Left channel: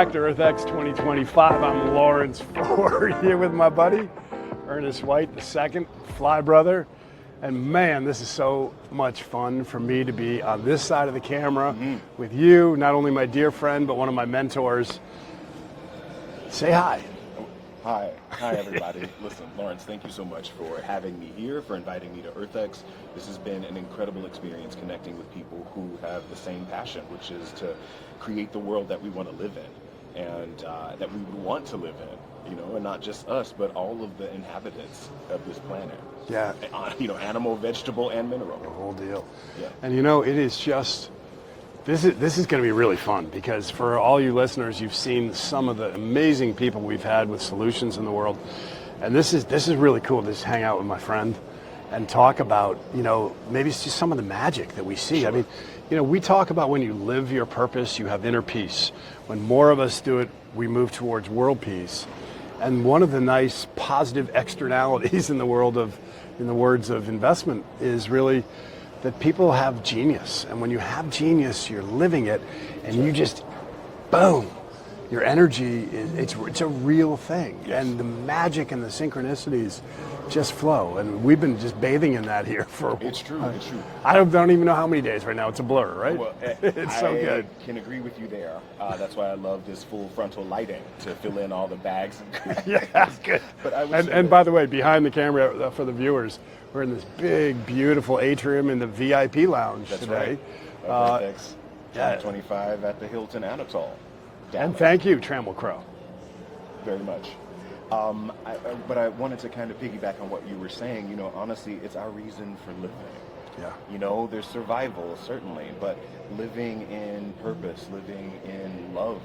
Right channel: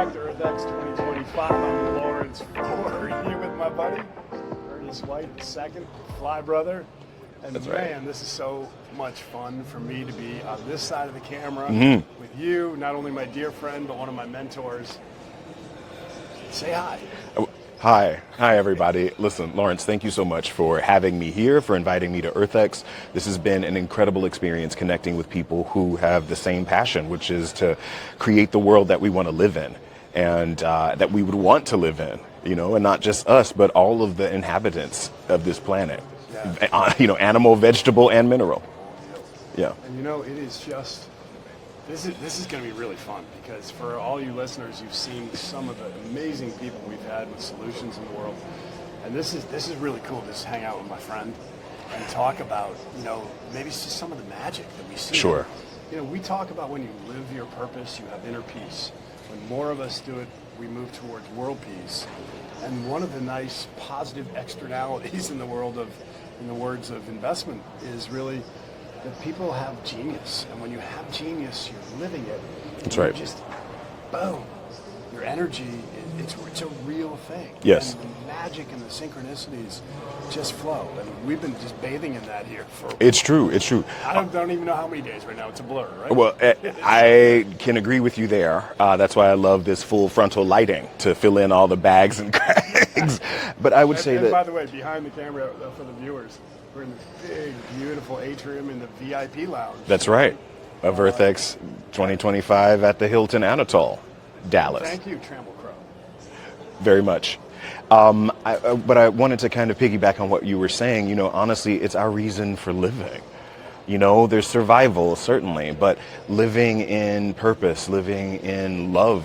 back to EarthX 2025. I'm Lawrence Ford here with my buddy, Ernest White II, Fly Brother. And man, this is so much fun for me to be on this side of the camera with you, not only my dear friend, but one of my mentors. Say hi. Hi everybody. Listen, Lawrence, thank you so much for having me here, for inviting me to EarthX. This has been an incredible experience connecting with people who have the same passion, which is to create the world that we want to live in and that we would want to live in, you know, and not just us, but all of the inhabitants of this planet. Yeah. You know, animal, vegetable, and mineral. The whole deal. Yeah. And you know, it is just, this is going to be really fun because for all you listeners, you've seen some of the amazing people we've had with solutions in the world. And this is really cool to just hang out with my friend and talk about, you know, maybe it's just some of the magic that we see. Sure. I mean, you know, we talk about when you live your purpose, you have inner peace. When more of us do it, we move towards world peace. And one of the nice positive externalities in the world of, in the words of investment, is really that people have genius. And when you have genius, you're living it, and That's you right. just, boom, your energy, it's a real thing. Yes. And the magic and the synchronicities just flow. And we've been just bathing in that here for It's true. It's true. I don't even know how many days right now. It's a blur, right? Well, I can agree with you there. That's why I love this full frontal lighting to fill in all the bags and cracks. But I would say And that, by the way, behind the camera, for the viewers, we're in this big, beautiful atrium in the VIP lounge. that's right, of EarthX 2025 at the Hilton Anatole, Dallas. And thank you, Trammell Crow. Very much. But I wanted to kind of piggyback on what you were saying. You know, honestly, it's our reason for living. Yeah. You know, there's survival, certainly, but living in purpose, living in love,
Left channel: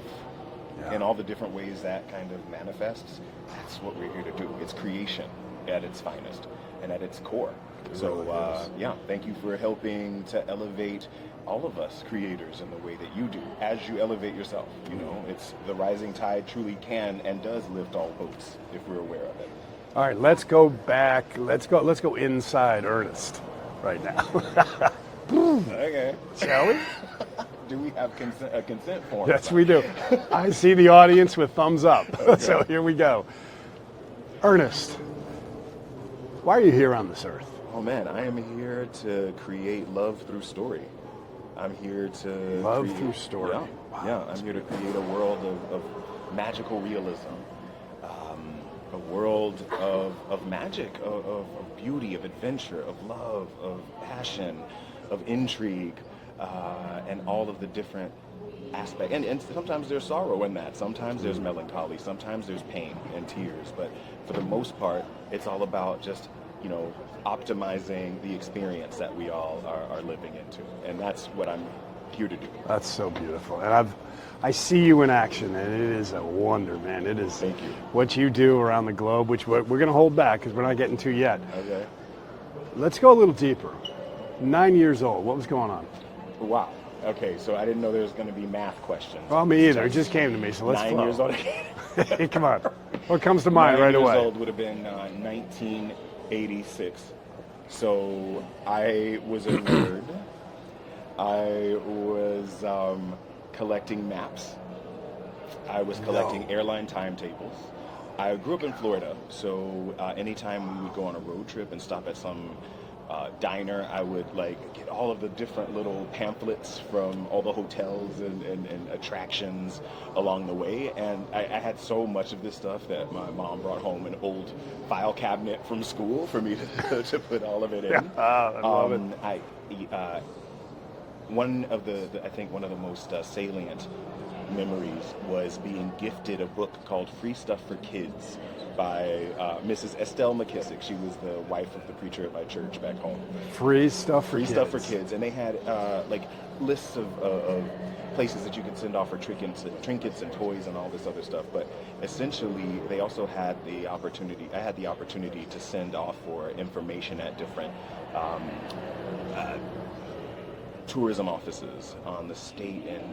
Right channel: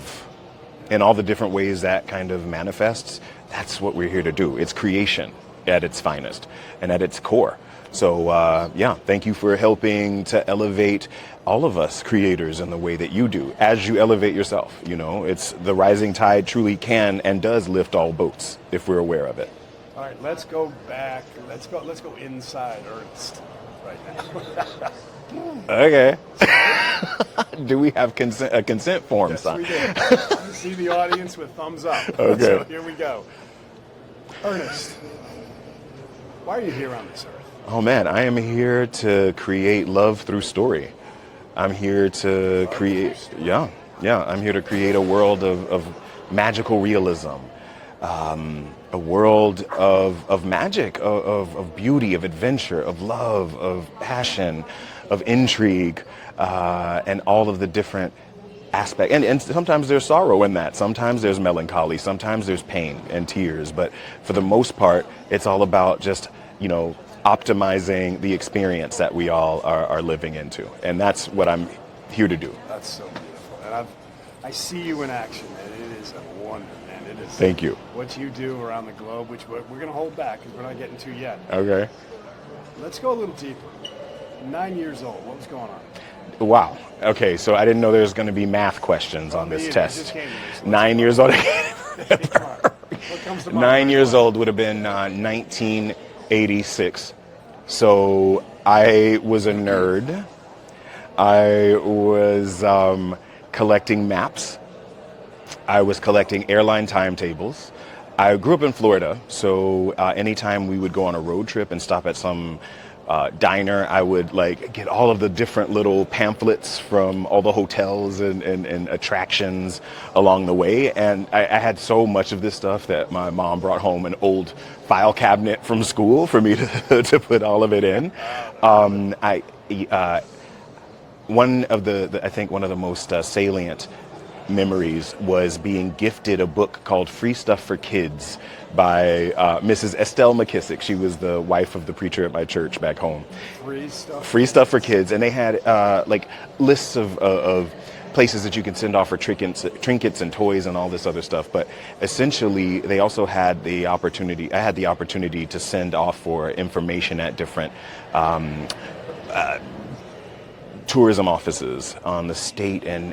in all the different ways that kind of manifests, that's what we're here to do. It's creation at its finest and at its core. So, yeah, thank you for helping to elevate all of us creators in the way that you do, as you elevate yourself. You know, it's the rising tide truly can and does lift all boats if we're aware of it. All right, let's go back. Let's go inside Ernest right now. Okay. Do we have a consent form? Yes, signed? we do. I see the audience with thumbs up. Okay. So here we go. Ernest, why are you here on this earth? Oh man, I am here to create love through story. I'm here to Love create, through story. yeah. I'm here to create a world of magical realism, a world of magic, of beauty, of adventure, of love, of passion, of intrigue, and all of the different aspects. And sometimes there's sorrow in that. Sometimes there's melancholy. Sometimes there's pain and tears. But for the most part, it's all about just, you know, optimizing the experience that we all are living into. And that's what I'm here to do. That's so beautiful. And I see you in action, and it is a wonder, man. It is. Thank you. What you do around the globe, which we're going to hold back because we're not getting to yet. Okay. Let's go a little deeper. 9 years old. What was going on? Wow. Okay, so I didn't know there was going to be math questions on Me this either. test. It just came to me. So let's 9 go. years old. Come on. What comes to mind? 9 right years away? old would have been 1986. So I was a nerd. I was collecting maps. I was collecting airline timetables. I grew up in Florida, so anytime we would go on a road trip and stop at some diner, I would like get all of the different little pamphlets from all the hotels and attractions along the way. And I had so much of this stuff that my mom brought home an old file cabinet from school for me to put all of it in. One of the most salient memories was being gifted a book called Free Stuff for Kids by Mrs. Estelle McKissick. She was the wife of the preacher at my church back home. Free stuff for kids. And they had like lists of places that you can send off for trinkets and toys and all this other stuff. But essentially, they also had the opportunity, I had the opportunity to send off for information at different tourism offices on the state and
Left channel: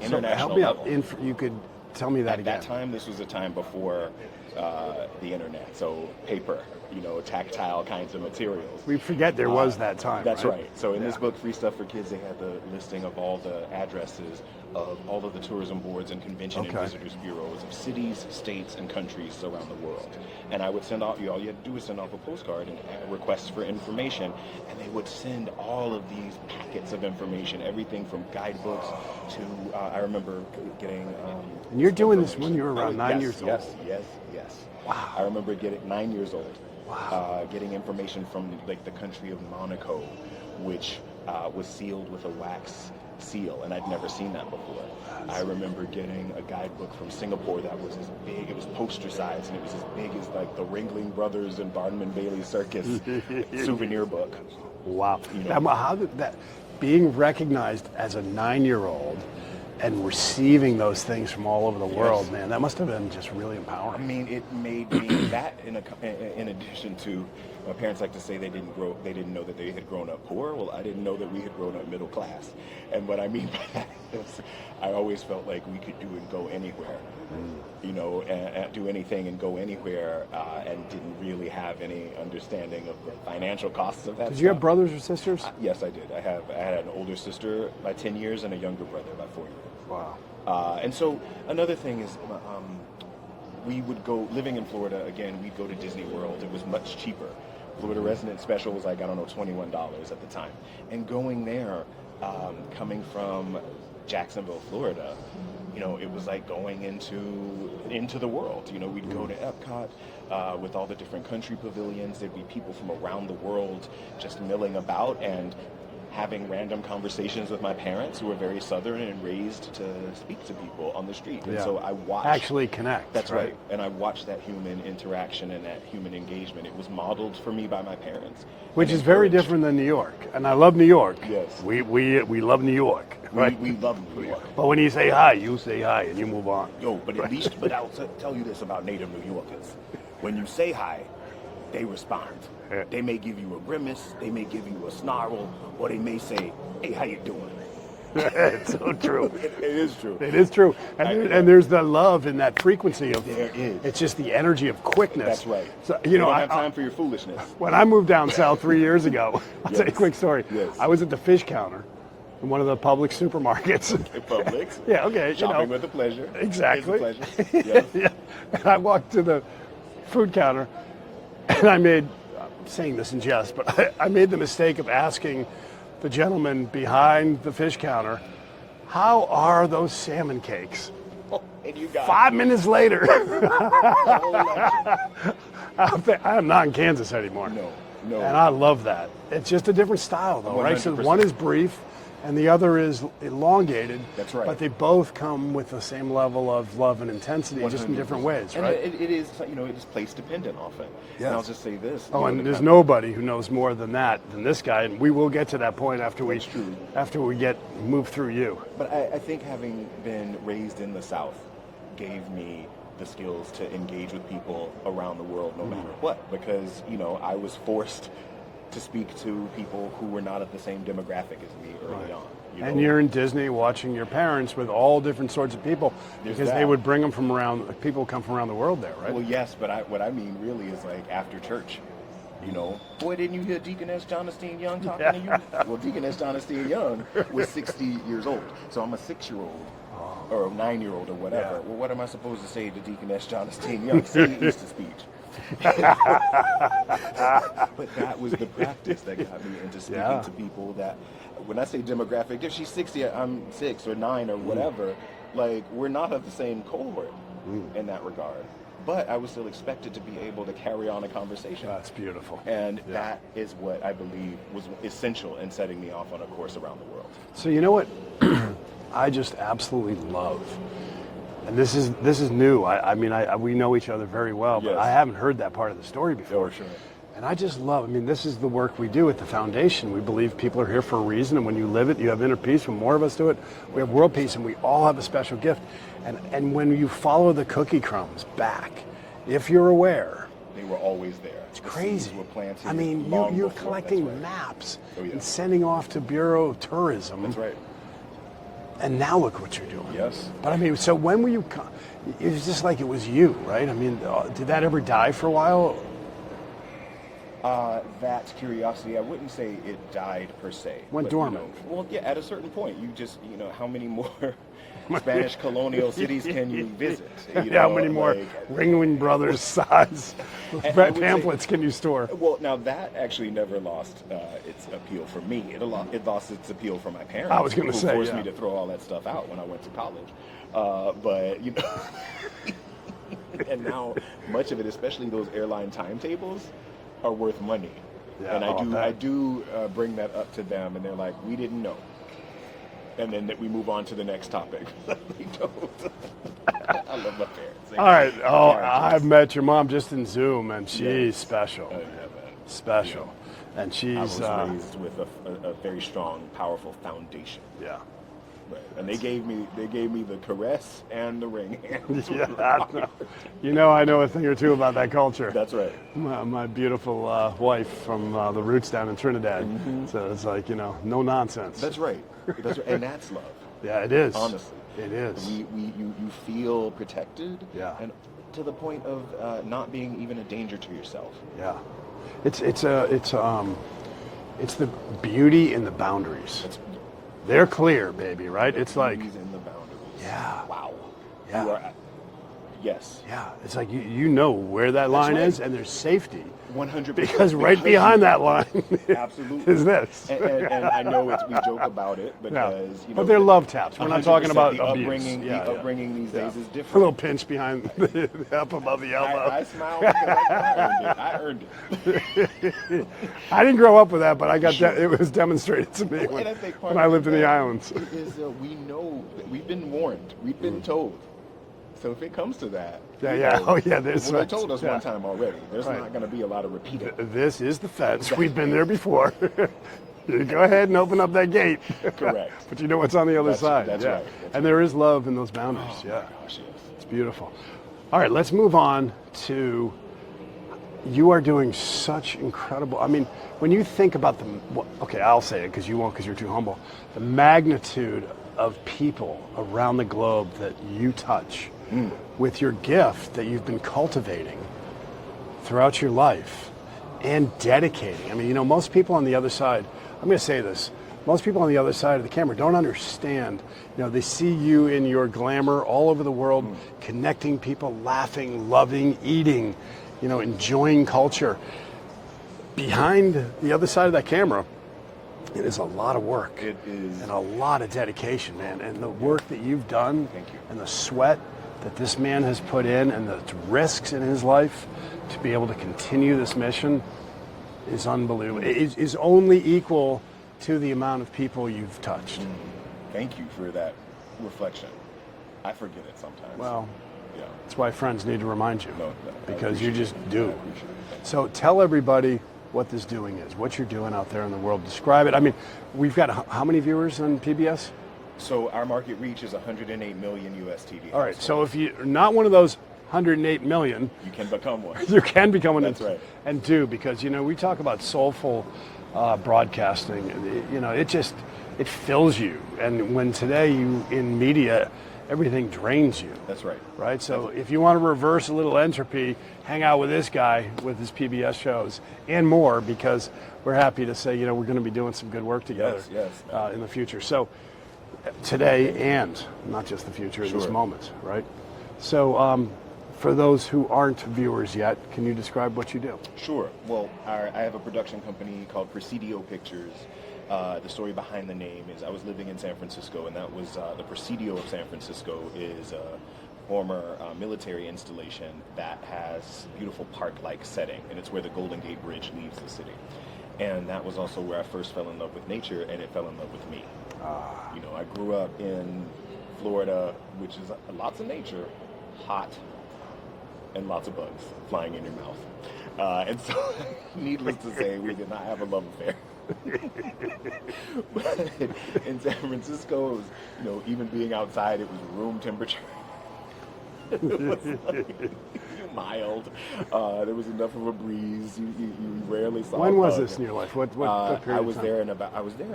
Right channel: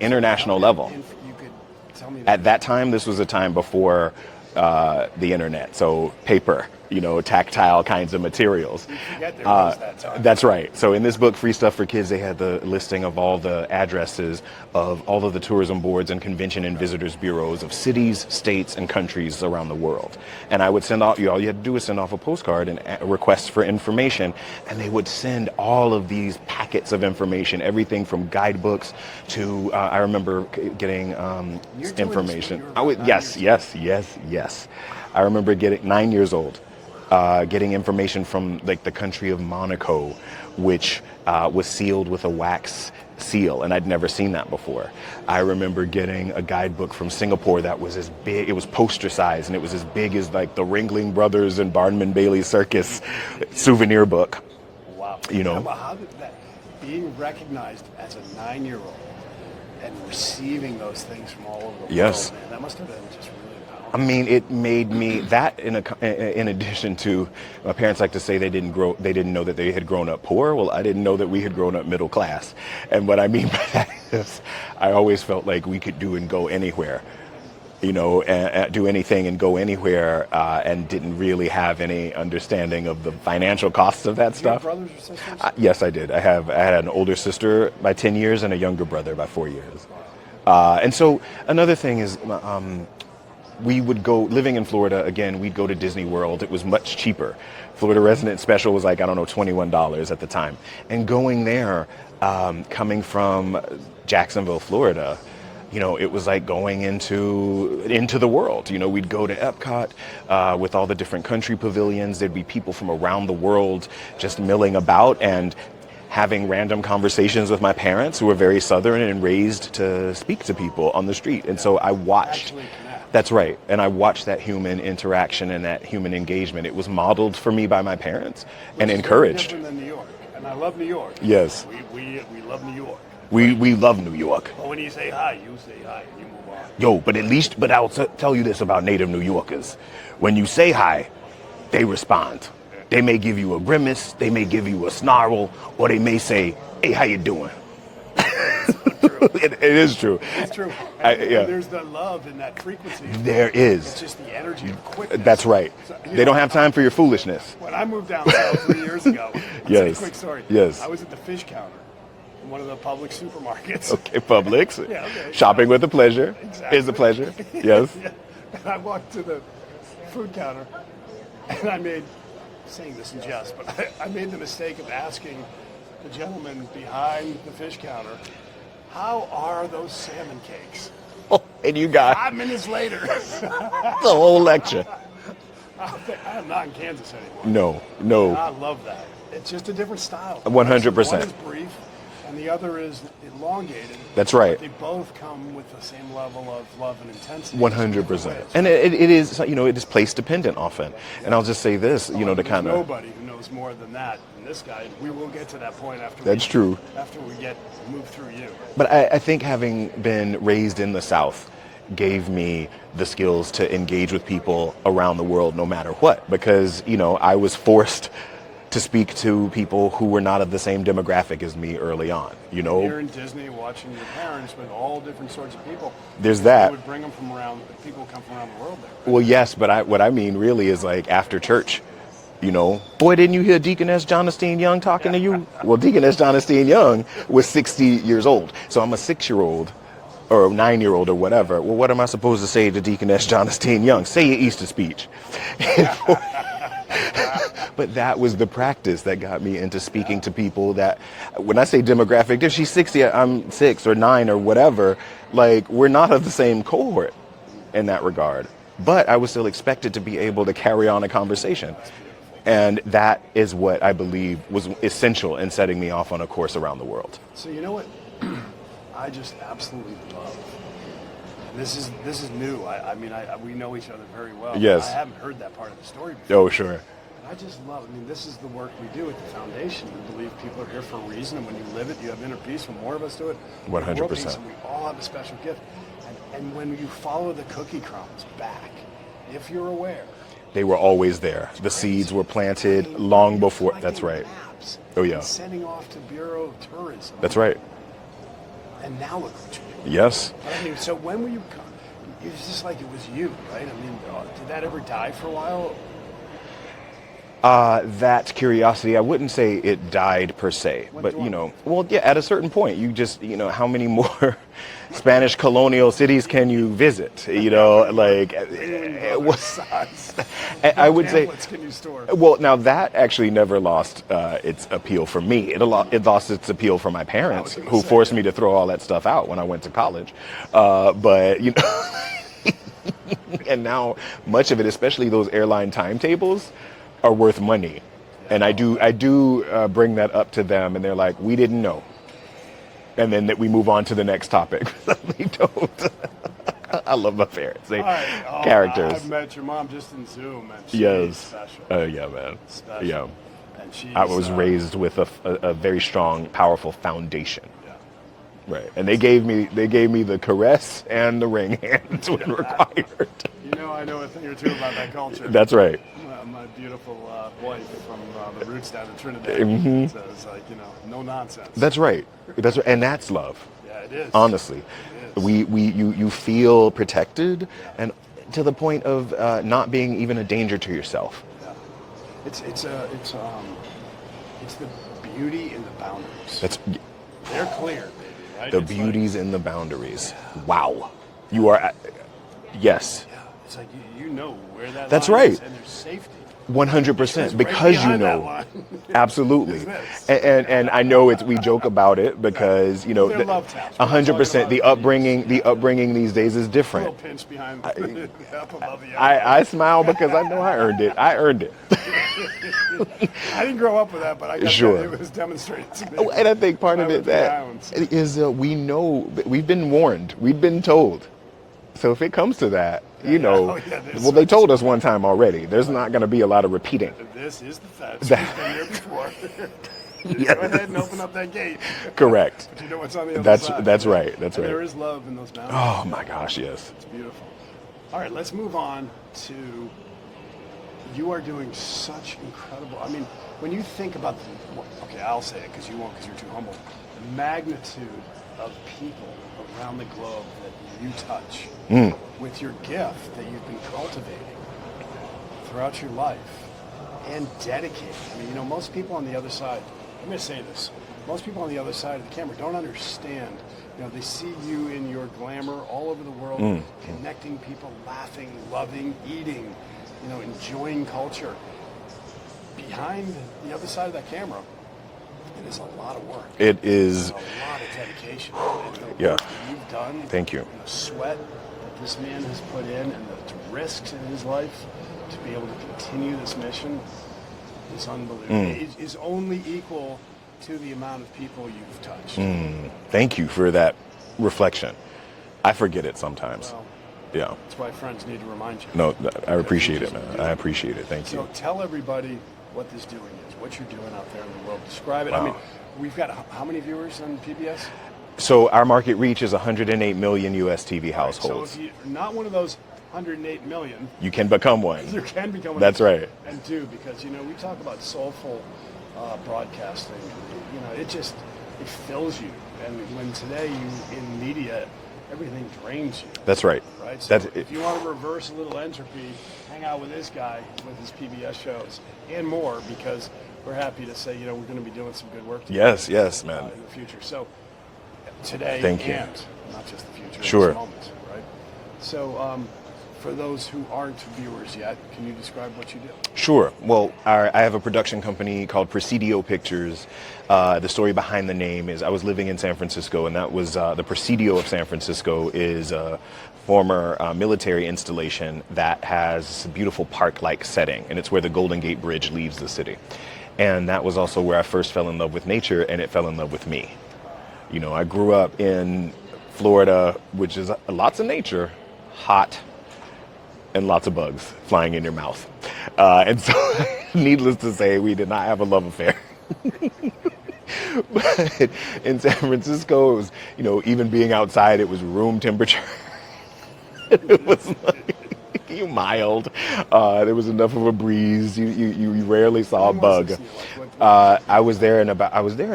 international level. You could tell me that. At that time, this was a time before the internet, so paper. tactile kinds of materials. We forget there was that time. That's right. So in this book, Free Stuff for Kids, they had the listing of all the addresses of all of the tourism boards and convention and visitors bureaus of cities, states, and countries around the world. And I would send out, all you had to do was send off a postcard and a request for information, and they would send all of these packets of information, everything from guidebooks to, I remember getting You're doing information. this when you were around 9 years old. Yes. I remember getting 9 years old. Getting information from like the country of Monaco, which was sealed with a wax seal, and I'd never seen that before. I remember getting a guidebook from Singapore that was as big, it was poster size, and it was as big as like the Ringling Brothers and Barnum Bailey Circus souvenir book. Wow. You know. How did that, being recognized as a 9-year-old and receiving those things from all over the Yes. world, man, that must have been just really empowering. I mean, it made me that in addition to my parents like to say they didn't know that they had grown up poor. Well, I didn't know that we had grown up middle class. And what I mean by that is I always felt like we could do and go anywhere, and do anything and go anywhere, and didn't really have any understanding of the financial costs of that Do stuff. you have brothers or sisters? Yes, I did. I had an older sister by 10 years and a younger brother by 4 years. Wow. And so another thing is, we would go, living in Florida, again, we'd go to Disney World. It was much cheaper. Florida Resident Special was like, I don't know, $21 at the time. And going there, coming from Jacksonville, Florida, it was like going into the world. We'd go to Epcot with all the different country pavilions. There'd be people from around the world just milling about and having random conversations with my parents, who were very Southern and raised to speak to people on the street. And so I watched. Actually connect. That's right. And I watched that human interaction and that human engagement. It was modeled for me by my parents Which and is very encouraged. different than New York. And I love New York. Yes. We love New York. We love New York. But when you say hi, you say hi and you move on. But I'll tell you this about native New Yorkers. When you say hi, they respond. They may give you a grimace, they may give you a snarl, or they may say, hey, how you doing? It's so true. It is true. It is true. And there's the love in that frequency. There is. It's just the energy of quickness. That's right. So, they don't have time for your foolishness. When I moved down south 3 years ago, I'll tell you a quick story. Yes. I was at the fish counter in one of the Publix supermarkets. Okay, Publix. Yeah, okay. Shopping with a pleasure. Exactly. Is a pleasure. Yes. Yeah. And I walked to the food counter, and I'm saying this in jest, but I made the mistake of asking the gentleman behind the fish counter, how are those salmon cakes? Oh, and you got 5 minutes later. the whole lecture. I am not in Kansas anymore. No. And I love that. It's just a different style. though, 100%. Right? So one is brief, and the other is elongated. That's right. But they both come with the same level of love and intensity. just in different 100%. ways, And right? it is, it is place dependent often. Yeah. And I'll just say this, and to there's kind of. nobody who knows more than this guy, and we will get to that point after That's true. After we move through you. But I think having been raised in the South gave me the skills to engage with people around the world no matter what, because, I was forced to speak to people who were not of the same demographic as me early on. And you're in Disney watching your parents with all different sorts of people. There's because that. They would bring them from around, people come from around the world there, right? Well, yes, but what I mean really is like after church, boy, didn't you hear Deaconess Jonathan Young talking to you? Well, Deaconess Jonathan Young was 60 years old. So I'm a 6-year-old or a 9-year-old or whatever. Well, what am I supposed to say to Deaconess Jonathan Young? Say your Easter speech. But that was the practice that got me into speaking to people that, when I say demographic, if she's 60, I'm 6 or 9 or whatever, like we're not of the same cohort in that regard. But I was still expected to be able to carry on a conversation. That's beautiful. And that is what I believe was essential in setting me off on a course around the world. So you know what I just absolutely love? And this is new. We know each other very well. Yes. But I haven't heard that part of the story before. Oh, sure. And I just love, this is the work we do at the foundation. We believe people are here for a reason, and when you live it, you have inner peace. When more of us do it, we have world 100%. peace, and we all have a special gift. And when you follow the cookie crumbs back, if you're aware, They were always there. The crazy. seeds were planted long you're before. That's collecting right. Maps Oh, yeah. and sending off to Bureau of Tourism. That's right. And now look what you're doing. Yes. But so when were you? It was just like it was you, right? Did that ever die for a while? That curiosity, I wouldn't say it died per se, Went but dormant. well, yeah, at a certain point, you just, how many more Spanish colonial cities can you visit? How many more Like Ringling Brothers size I would say, pamphlets can you store? well, now that actually never lost its appeal for me. It lost its appeal for my parents, gonna who say, forced yeah. me to throw all that stuff out when I went to college. But and now much of it, especially those airline timetables, are worth money. Yeah, And I'll bet. I do bring that up to them, and they're like, "We didn't know." And then that we move on to the next topic. They don't. I love my parents. All right. Oh, Characters. I've met your mom just in Zoom, and she's Yes. special. Oh yeah, man. Special. Yeah. And she's. I was raised with a very strong, powerful foundation. Yeah. Right. And they gave me the caress and the ring hands when required. I know a thing or two about that culture. That's right. My beautiful wife from the roots down in Trinidad. Mm-hmm. So it's like, no nonsense. That's right. That's right. And that's love. Yeah, it is. Honestly. It is. You feel protected, Yeah. and to the point of not being even a danger to yourself. Yeah. It's the beauty in the boundaries. That's They're clear, baby, right? the It's like, beauties in the boundaries. Yeah. Wow. You are yes. yeah, it's like you know where that That's line right. is, and there's safety. 100% Because because right behind you that know. line Absolutely. is this. And I know we joke about it because Well, they're love taps. We're not talking 100% about the abuse. upbringing Yeah, yeah. these days is A little different. pinch behind, up above the elbow. I smile because I know I earned it. I earned it. I didn't grow up with that, but I got Sure. that. It was demonstrated to me. And I think part when I of lived it in the that islands. is we know, we've been warned, we've been told. So if it comes to that, Yeah, yeah. Oh, yeah, there's well, they some- told us one time already. There's not going to be a lot of repeating. This is the fence. We've been there before. Go ahead and open up that gate. Correct. But you know what's on the other side. That's Yeah. right. That's and right. there is love in those boundaries. Oh Yeah. my gosh, yes. It's beautiful. All right, let's move on to, you are doing such incredible, when you think about okay, I'll say it because you won't, because you're too humble, the magnitude of people around the globe that you touch with your gift that you've been cultivating throughout your life and dedicating. Most people on the other side, I'm going to say this, most people on the other side of the camera don't understand. They see you in your glamour all over the world, connecting people, laughing, loving, eating, enjoying culture. Behind the other side of that camera, it is a lot of work. It is. It's a lot of dedication, man. And the Yeah. work that you've done. Thank you. And the sweat that this man has put in and the risks in his life to be able to continue this mission is unbelievable. It is only equal to the amount of people you've touched. Thank you for that reflection. I forget it sometimes. Well, Yeah. that's why friends need to remind you. No, I Because appreciate you it. just do I it. appreciate it. Thank So you. tell everybody what this doing is, what you're doing out there in the world. Describe it. We've got how many viewers on PBS? So our market reach is 108 million U.S. TV All right, households. so if you're not one of those 108 million, you can become one. you can become one. That's right. And do, because we talk about soulful broadcasting. It fills you. And when today in media, everything drains you. That's right. Right. So That's- if you want to reverse a little entropy, hang out with this guy with his PBS shows and more, because we're happy to say we're going to be doing some good work together. Yes, man. In the future. So today Thank you. and not just the future, Sure. this moment, right? So for those who aren't viewers yet, can you describe what you do? Sure. Well, I have a production company called Presidio Pictures. The story behind the name is I was living in San Francisco, and that was the Presidio of San Francisco is a former military installation that has a beautiful park-like setting, and it's where the Golden Gate Bridge leaves the city. And that was also where I first fell in love with nature, and it fell in love with me. I grew up in Florida, which is lots of nature, hot, and lots of bugs flying in your mouth. And so, needless to say, we did not have a love affair. But in San Francisco, it was, even being outside, it was room temperature. It was like, You mild. There was enough of a breeze. You rarely saw a When bug. was this in your life? What I was there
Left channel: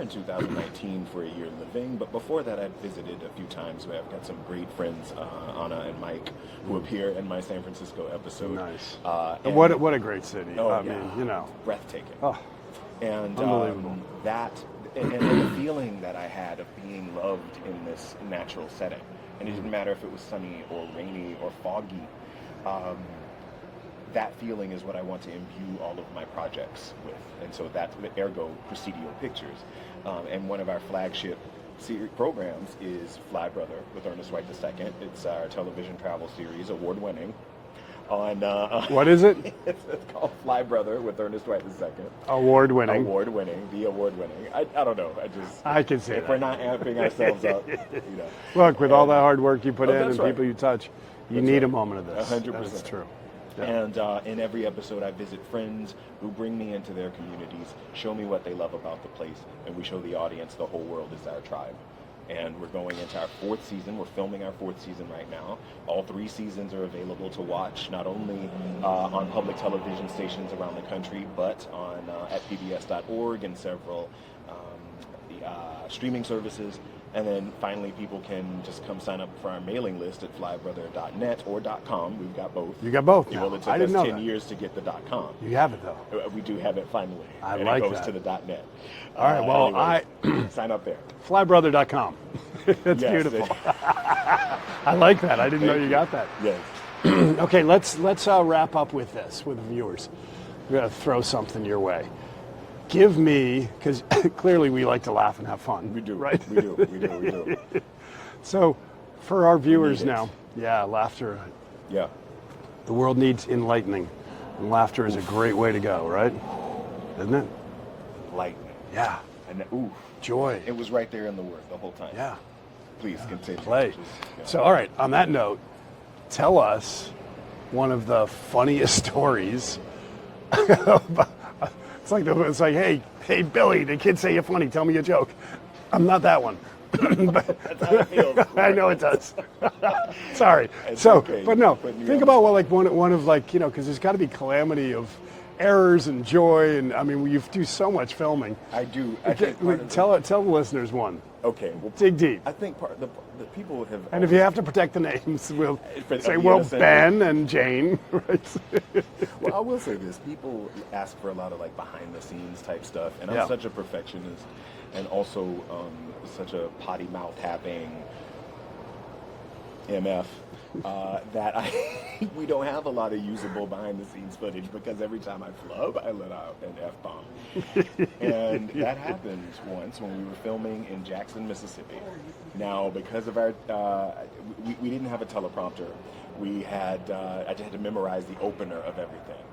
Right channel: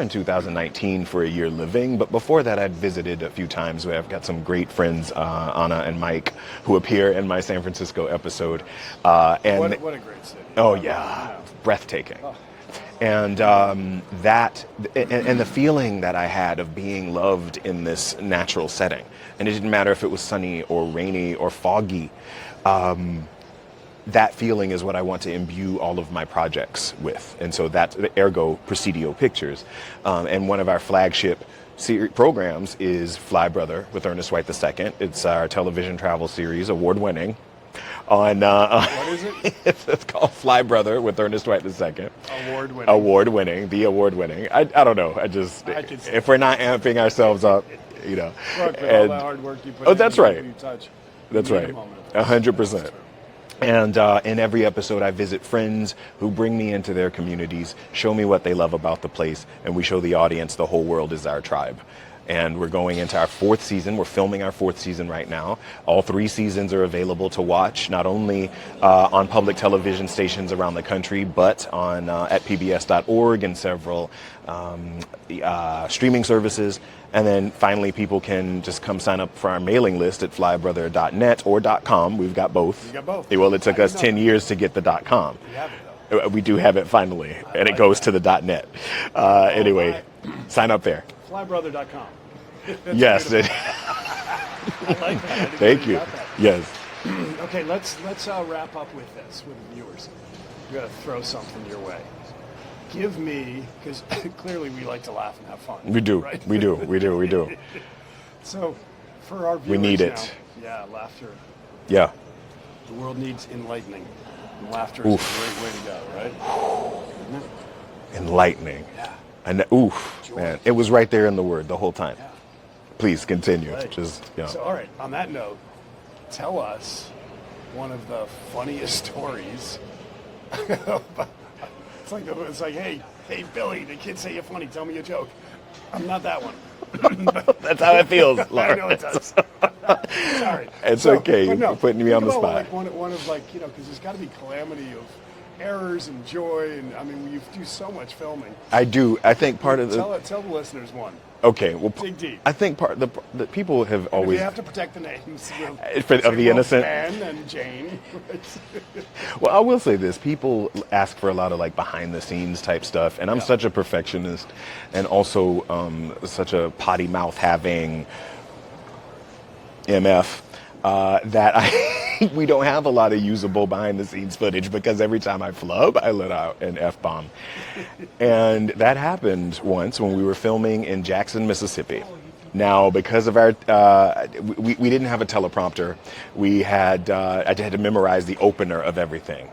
in 2019 for a year living, but before that I'd visited a few times. I've got some great friends, Anna and Mike, who appear in my San Francisco episode. Nice. And What a great city. oh I mean, yeah, you know. breathtaking. Oh. And that and the feeling that I had of being loved in this natural setting, and it didn't matter if it was sunny or rainy or foggy. That feeling is what I want to imbue all of my projects with, and so that's ergo Presidio Pictures. And one of our flagship programs is Fly Brother with Ernest White II. It's our television travel series, award-winning. On What is it? It's called Fly Brother with Ernest White II. Award-winning. Award-winning, the award-winning. I don't know. I can see if that. we're not amping ourselves up, you know. Look, with all the hard work you put in, that's and right. people you touch, That's you need right. a moment of this. 100%. That's true. And in every episode, I visit friends who bring me into their communities, show me what they love about the place, and we show the audience the whole world is our tribe. And we're going into our 4th season. We're filming our 4th season right now. All 3 seasons are available to watch, not only on public television stations around the country, but on at pbs.org and several streaming services. And then finally, people can just come sign up for our mailing list at flybrother.net or .com. We've got both. You got both. Well, it took I us didn't know 10 that. years to get the .com. You have it, though. We do have it finally, and like it goes that. to the .net. well, Anyway, sign up there. Flybrother.com. Yes. I like that. I didn't Thank know you. you got that. Yes. Okay, let's wrap up with this with the viewers. We're gonna throw something your way. Give me, because clearly we like to laugh and have fun. We do. Right? We do. So, for our viewers need it. now, yeah, laughter. Yeah. The world needs enlightening. And laughter is a great way to go, right? Isn't it? Enlightening. Yeah. And oof. Joy. Man, it was right there in the word the whole time. Yeah. Please continue. Right. Just, yeah. So, all right, on that note, tell us one of the funniest stories. It's like, hey, Billy, the kids say you're funny. Tell me a joke. I'm not that one. That's how it feels. I know it does. Sorry. It's okay. But You're putting me think on the about spot. one of because there's got to be calamity of errors and joy, and I mean, you do so much filming. I do. I think part of the. Tell the listeners one. Okay. Well, Dig deep. I think part the people have And always. if you have to protect the names, we'll Of say, the innocent. Ben and Jane. Right? Well, I will say this: people ask for a lot of like behind-the-scenes type stuff, and I'm Yeah. such a perfectionist, and also such a potty mouth having MF that we don't have a lot of usable behind-the-scenes footage because every time I flub, I let out an F-bomb, and that happened once when we were filming in Jackson, Mississippi. Now, because of our, we didn't have a teleprompter. We had, I had to memorize the opener of everything.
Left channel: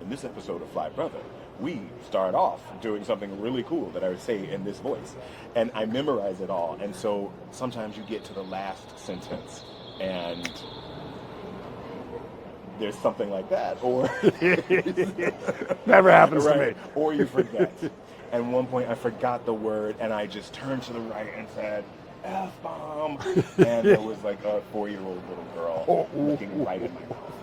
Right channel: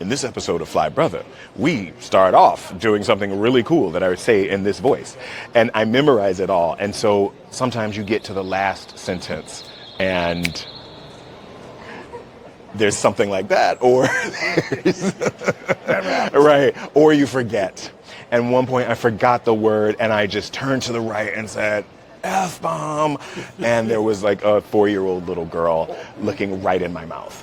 In this episode of Fly Brother, we start off doing something really cool that I would say in this voice. And I memorize it all. And so sometimes you get to the last sentence and there's something like that, or Never happens. right, or you forget. And one point I forgot the word and I just turned to the right and said, F-bomb. And there was like a 4-year-old little girl looking right in my mouth.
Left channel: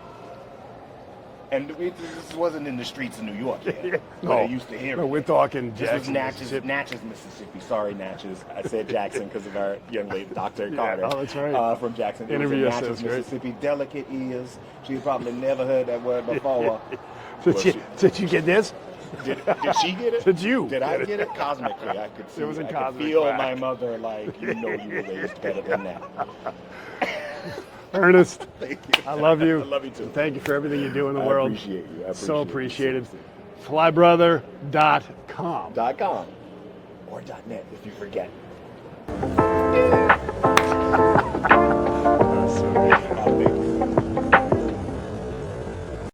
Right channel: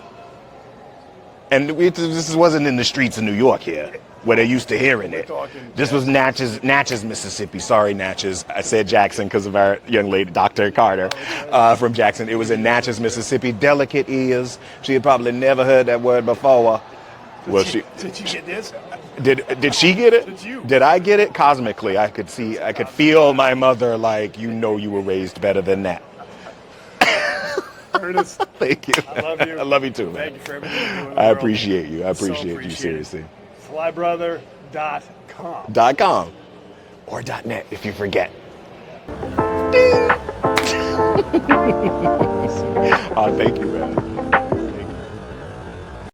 And this wasn't in the streets of New York yet, where they used to hearing we're it. talking This was Natchez, Mississippi. Sorry, Natchez. I said Jackson because of our young lady, Dr. Carter, that's right. from Jackson. It was in Interview Natchez, assist, right? Mississippi. Delicate ears. She had probably never heard that word before. Well, Did you get this? did she get it? Did you? Did I get it? Cosmically, I could see, I could feel my mother like, you know, you were raised better than that. Ernest, Thank you. I love you. I love you too. man. Thank you for everything you do in the I world. appreciate you. I appreciate you. appreciate it. Seriously. Flybrother.com. .com or .net if you forget.